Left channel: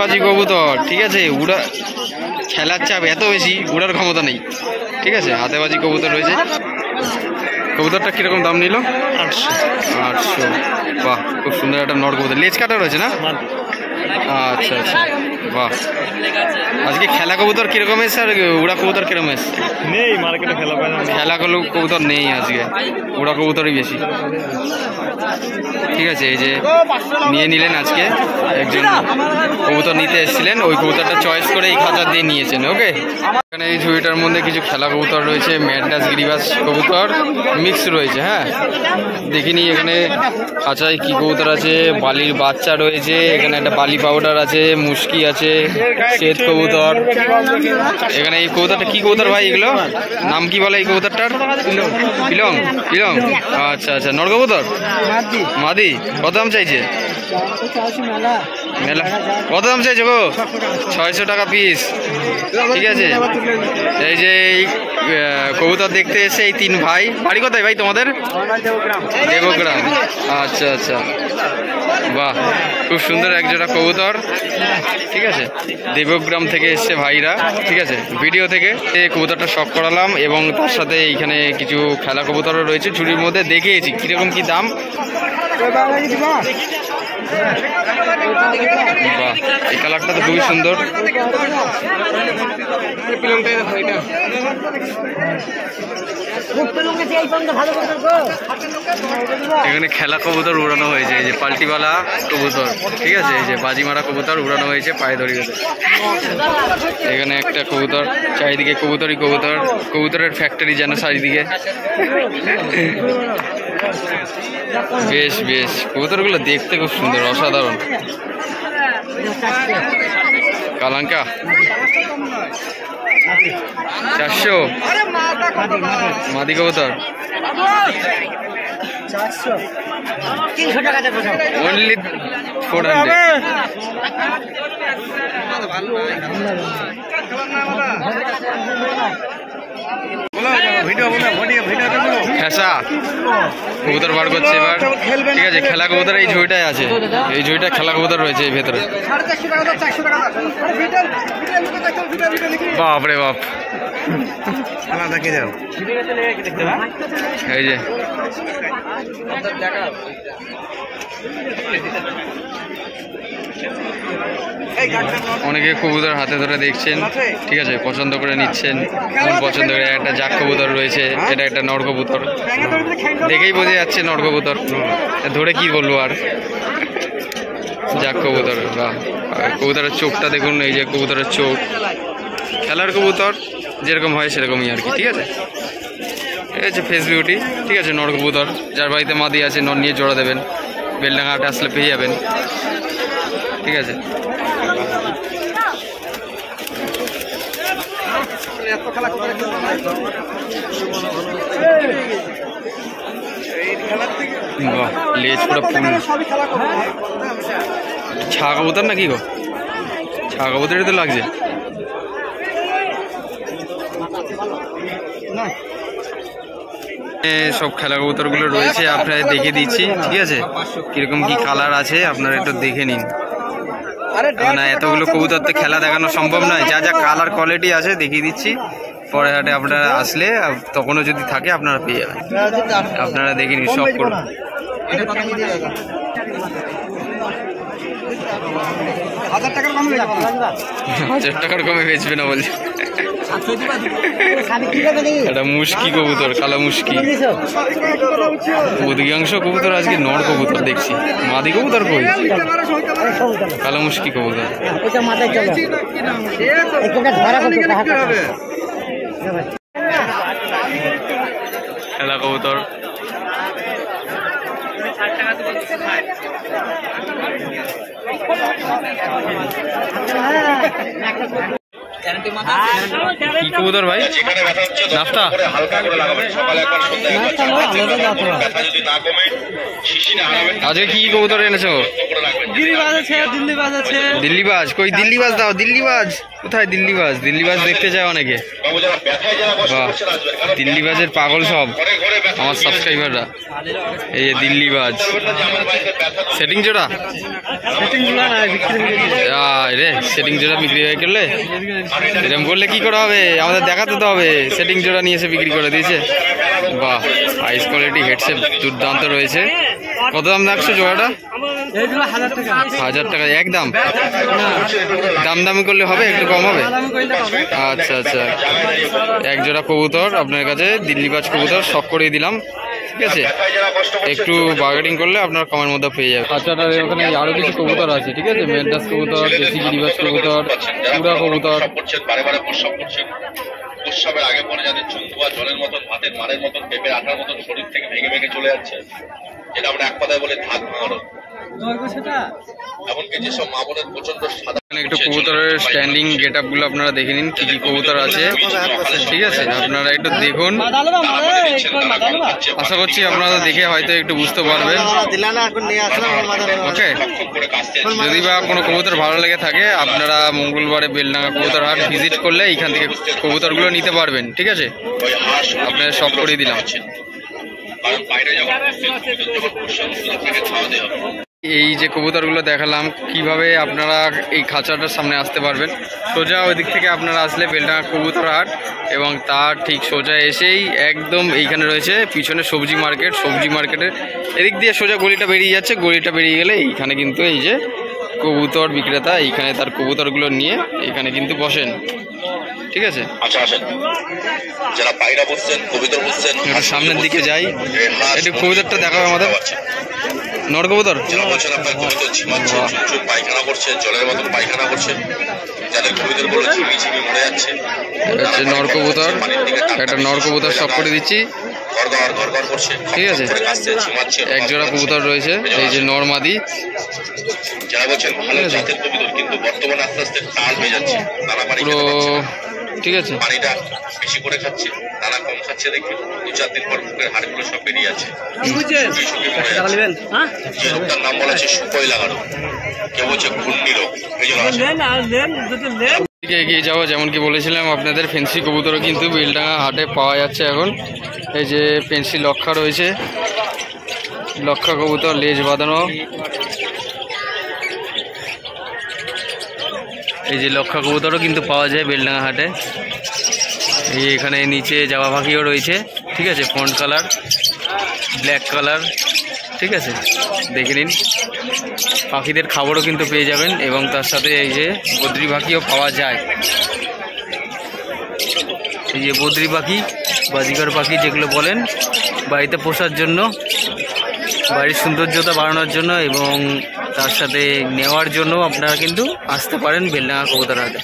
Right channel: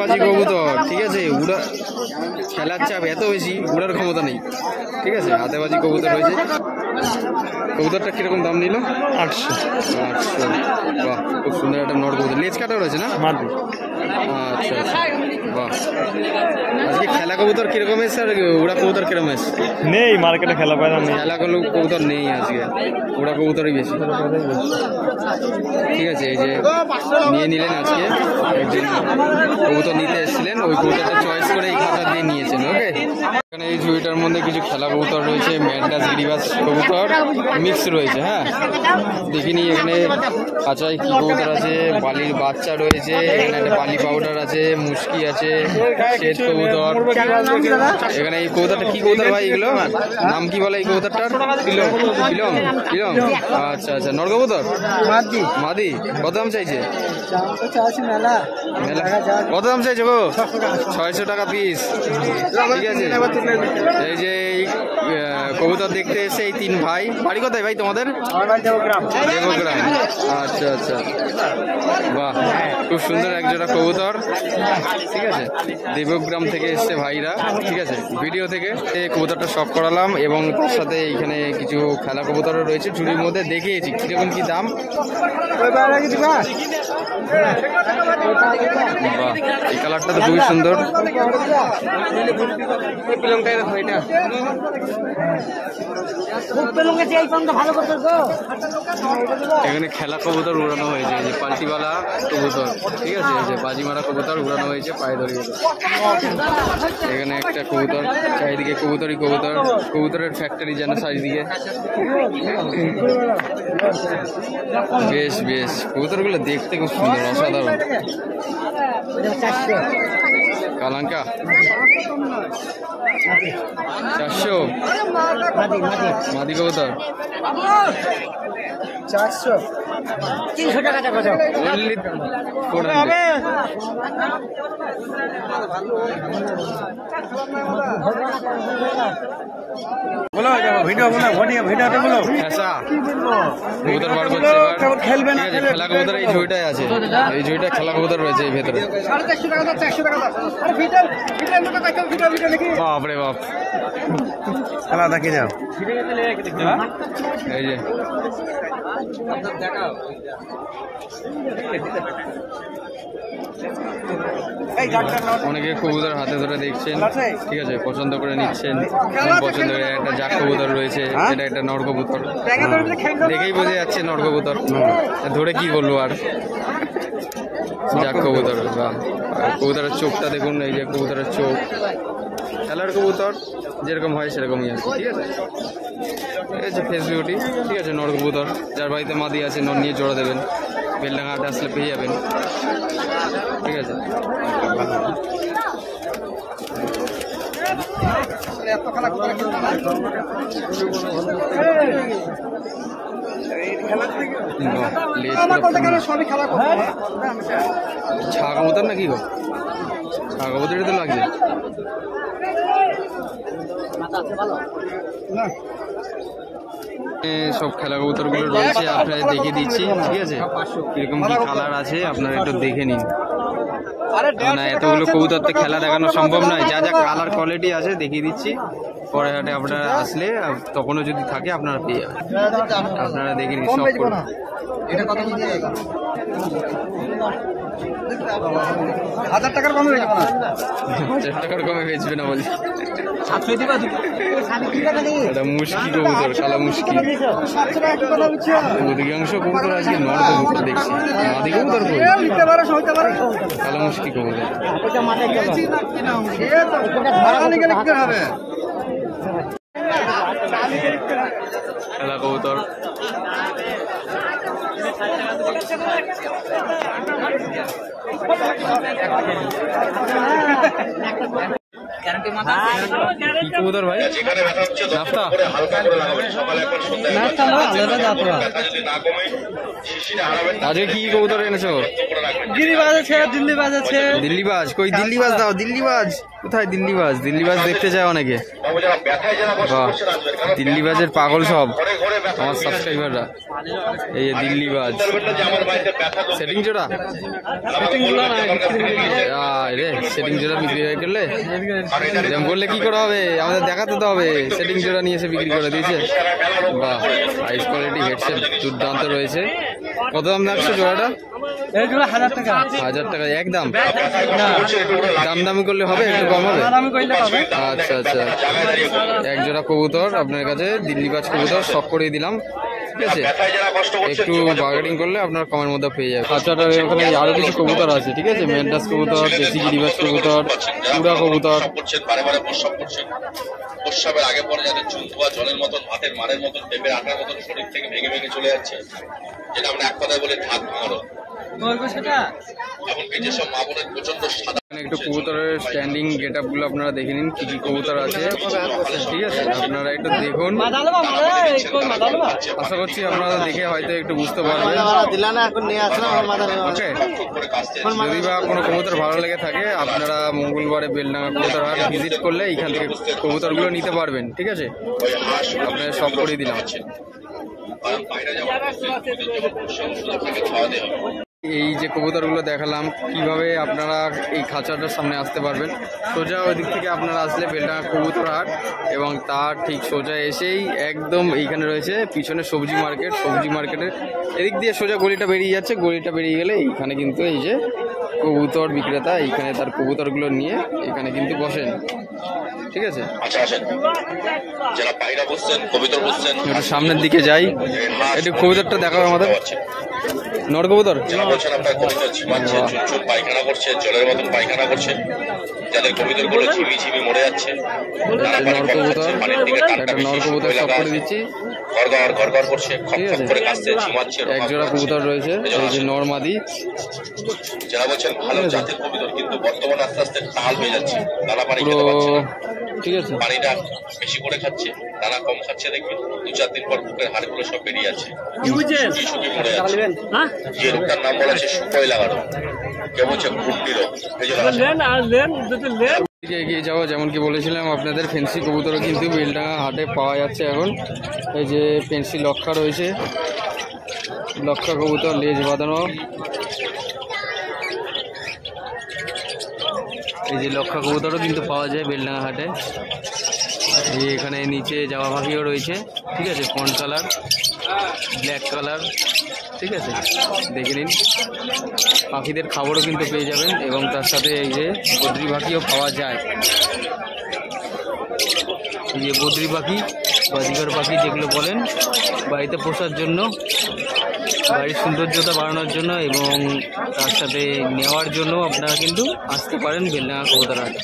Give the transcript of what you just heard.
হাতেবাজি কবুতর, ঠিক আছে। উড়া খেলার চাপ এত বেশি, উড়ার ক্ষমতা নেই, ঠিক আছে। হাতেবাজি কবুতর রয়েছে। কবুতরটা কিরকম দাম নিল? 800। বাহ, খুব সুন্দর একটা নর কবুতর, লেজ কাটা রয়েছে না? আচ্ছা আচ্ছা, বাহ। আজকে খেলা কবুতর কিরকম এসছে আর উড়া কবুতর কিরকম এসছে? নেই মার্কেটে খেলা কবুতর নেই আজকে, উড়া কবুতরই বেশি। ঠিক আছে, এই যে নিয়ে নিলেন আজকে একজন কবুতর নিতে এসেছিলেন, ওই কবুতরটা চয়েস করে এই খাঁচা দিয়ে নিয়েছেন। ওকে, এখানে এই ঝুড়িটার মধ্যে কিছু খেলা কবুতর রয়েছে, ম্যাড্রাস গিরিবাস কবুতর মিক্স রয়েছে। হ্যাঁ, দেখিনি এখানে খাঁচায় কি কবুতর আছে। বালির বাচ্চা রয়েছে, এখানে একটা বালি পাউডার আছে, মুশকি আছে, শ্বেত কবুতর। এখানে এই কবুতরটা কি কবুতর ভাই? এগুলো নাম কি বলে এই কবুতরটার? পিলং। পিলং, আচ্ছা আচ্ছা। নর কবুতর মাদি। কত দাম চাইছে? মেলা কত দাম চাইছে গো? 600 টাকা পিস। ঠিক আছে, এই যে কবুতর দেখতে এসে এই 3 ভাই। বাড়ি কোথায় ভাই তোমাদের? দেবগ্রাম। আচ্ছা আচ্ছা, বাহ, খুব সুন্দর একজোড়া কবুতর। ঠিক আছে, দেবগ্রাম থেকে এসছে ভাইরা। ঠিক আছে, ভিডিও থেকে কবুতরটা শখ করালাম এবং তার সাথে এইখানে কিছু খেলা কবুতরও রয়েছে ঝুড়ির মধ্যে। দেখিয়েছি কিরকম কি দাম। বাহ, এই কালারটা তো খুবই সুন্দর। এখানে খেলা কবুতর উড়ানো হয়েছে, এই যে পাল্টিওয়ালা কবুতর। ঠিক আছে, এই যে বাজি মারা কবুতর উড়ানো হয়েছে পায়ে ধরে গেছে। এখানে একটা কবুতর, চারিদিকে কবুতরই কবুতর, কবুতরের ফ্যাক্টরি যেন চারিদিকে। বেশ বেশ, কবুতরগুলো দেখতে খুব সুন্দর, অসাধারণ। কালাঙ্কা 400 মাদি কবুতর। অনলি 400। খেসা কবুতর বার করছে এবার। ঠিক আছে, খেলা কবুতর এই ঝুড়িটায় আছে, এই ঝুড়িটা খেলা কবুতর রয়েছে এই ভেতরে। বাপরে বাপ, এই যে অনেকে কবুতর হাতে ধরে দেখছেন। ঠিক আছে, পছন্দ করে নিচ্ছেন, পছন্দ করে। একটা জাক কবুতর রয়েছে, এটা একটা নর কবুতর, দেখেই বোঝা যাচ্ছে নর কবুতর, ধরে কি বলবো আর। জাক কবুতর, বাহ, কবুতরের চোখটা দেখুন, এই যে কবুতরের চোখ। খেলার কবুতর যেরকম হয় সেরকমই আর কি। ঠিক আছে, এই হচ্ছে ফেস বিউটি। ঠিক আছে, নর কবুতর, যার বাড়িতে মাদি আছে নর নিয়ে জোড়া দেবেন, বেলডাঙ্গা হাটে আসলে পেয়ে যাবেন। ঠিক আছে, লেজ পুরো ফুল। ছা কবুতর না কি গো? ছা কবুতরই তো লাগছে। সব খেলা কবুতরগুলো রয়েছে, আপনাদের দেখে দিচ্ছি। ঠিক আছে, কিরকম কি কালার আছে আপনারা একটু দেখে নিন। না, এতগুলো কবুতর তো খেলা দেখানো সম্ভব নয়। যা যা কালার কোয়ালিটি আছে দেখিয়ে দিচ্ছি। পরে হাটে আপনারা আসলে তখনও যদি থাকে আপনারা পেয়ে যাবেন। আপনারা দেখে নিন, সব করুন। 1000 টাকার কমে বেচবো না। 1000 টাকার কমে বেচবে না বলছে। এটা মুশকি কবুতর, কালো মুশকি। অধিকাংশ কবুতর আজকে নর কবুতর দেখছি, মাদি কবুতর কই? কালো মুশকি কবুতর। খেলা কবুতর। কি কবুতর ভাই? নাফতা? আজকে কি কবুতর এনেছো? গিরিবাজ আছে, দিল্লিবাজ আছে। দিল্লিবাজ কই? দিল্লিবাজ দাও, দিল্লিবাজ। কোথায় দিল্লিবাজ? দিল্লিবাজ দেখতে যায় অনেকে। বাহ, দিল্লিবাজের পাগল সব আমার সাবস্ক্রাইবাররা। এই যে দিল্লিবাজ সেটিং জোড়া, রে সেটিং জোড়া বিক্রি হয়ে গেলে এরকম করলে কি করা হবে? আমাদের দেখাতে তো হবে। সেটিং জোড়া নিয়ে এসে বিক্রি করে দিয়েছে। বাহ, হাইস কোয়ালিটি হেডসেট দুর্দান্ত রয়েছে। কত দাম রাখছো জোড়াটা? 1000 টাকা একদম? দাম দামি করলে হবে, একটু কম হবে? আচ্ছা আচ্ছা, এক জোড়া কবুতর আপনার কাছে, দিল্লিবাজ কবুতর শখ করিয়ে দিলাম। ঠিক আছে, একটু বার্গেনিং করলে আপনার কমের মধ্যে পেয়ে যাবে। আচ্ছাটার ওখানে আরো কিছু কবুতর আছে। ঠিক আছে, মেডরাস কবুতর, দেশি গিরিবাজ কবুতর, পুরা কবুতর। উৎসবের আগে পরে যাদের চুম্বুয়া জলের মতন, ভাতের মারের মতন, পেঁপের আঠার মতন শরীর থেকে ভেঙে ভেঙে চলে যাচ্ছে, যেটা আমরা এক কথায় বলি ধাত ভাঙানো। এমনকি যেসব মা বোনের প্রচন্ড সাদা। একটু কবুতরের স্ট্যান্ডিং গেট আপ গুলো আপনারা দেখে নিন, কি কি কবুতর আছে। ঠিক আছে, আপনারা একটু দেখুন। আশা করছি আপনারা দেখে হয়তো একটু বুঝতে পারবেন। ওকে, যদি বা কোনো কবুতর ভালো লেগে থাকে আপনারা মঙ্গলবারে বেলডাঙ্গা কবুতর হাট ভিজিট করলে এইখান থেকে কবুতরগুলো নিতে পারবেন। ঠিক আছে, আপনারা সব করে দিলাম। এই যে কবুতরগুলো দেখালাম, কিভাবে আপনারা এই খাঁচাটার সামনে আসতে পারবেন। সোজা ওই দিক থেকে আপনারা আসলে বেলডাঙ্গা কবুতর হাট, এবং তার ঠিক সোজা এসেই একদম এইখানে রয়েছে পিছনে সবজি মার্কেট। সবজি মার্কেটের এদিক দিয়ে সোজা গলিটা বেরিয়ে যাচ্ছে। গলিটা বেরিয়ে গেলে এইখানে কিন্তু এই যে কবুতর বিক্রেতা এইখানে তার কবুতরগুলো নিয়ে এখানে কিন্তু বসেন। ঠিক আছে, একটু সামনের দিকে যাই, একটু কবুতরটা দেখাবে আমাদের। নর কবুতর পায়খানা করছে, জলের মতন পায়খানা করছে, যাদের কবুতরগুলো ঝিমি ঝিমি মরে যাচ্ছে। নর কবুতর, একটা নর কবুতর সব করে দিচ্ছি। ঠিক আছে, এক জোড়া কবুতর রয়েছে, এই যে নর মাদি। যারা বলছেন ভালো জাতের কবুতর, কিন্তু বর্তমানে আস্তে আস্তে তাল হয়ে যাচ্ছে। পুরো ঠিক আছে, পানিটা বেশি করে খাচ্ছে, তারা কম খাচ্ছে দেখে 2-4 দিন পর বুকের হাড়গুলো সব বেরিয়ে যাচ্ছে। যে রোগটার নাম বলা হচ্ছে শুকোয় লাগানো, কেউ বলছে ঘুটনি রোগ। এগিয়ে যাওয়া, যেমন কি বলেছিলাম আপনাদের, ফেন্সি কবুতরও কিন্তু বেলডাঙ্গা হাটে পাওয়া যাচ্ছে এখন। এই যে ফেন্সি লক্ষা রয়েছে, লক্ষা কবুতর লেজ বাঁধানো। এই যে লক্ষা কবুতরও কিন্তু পাওয়া যায় বেলডাঙ্গা হাটে। এই এখানে নিচে জাবা পাখিও রয়েছে। ঠিক আছে, ফন্ট কালার, ব্ল্যাক কালার। ঠিক আছে, দেখে নিন। পাখিদের খাবারও কিন্তু পেয়ে যাবেন, এবং তার সাথে এই যে বদ্রি পাখিও পাওয়া যায়। এই যে বদ্রি পাখি, বাজিকার পাখি যেগুলো বলেন, বাড়িতে পোষার জন্য, বাড়ির সৌন্দর্যতা বাড়ানোর জন্য এবং তার সাথে নেওয়ার জন্য আপনারা কিন্তু আসতে পারেন বেলডাঙ্গা কবুতর হাটে।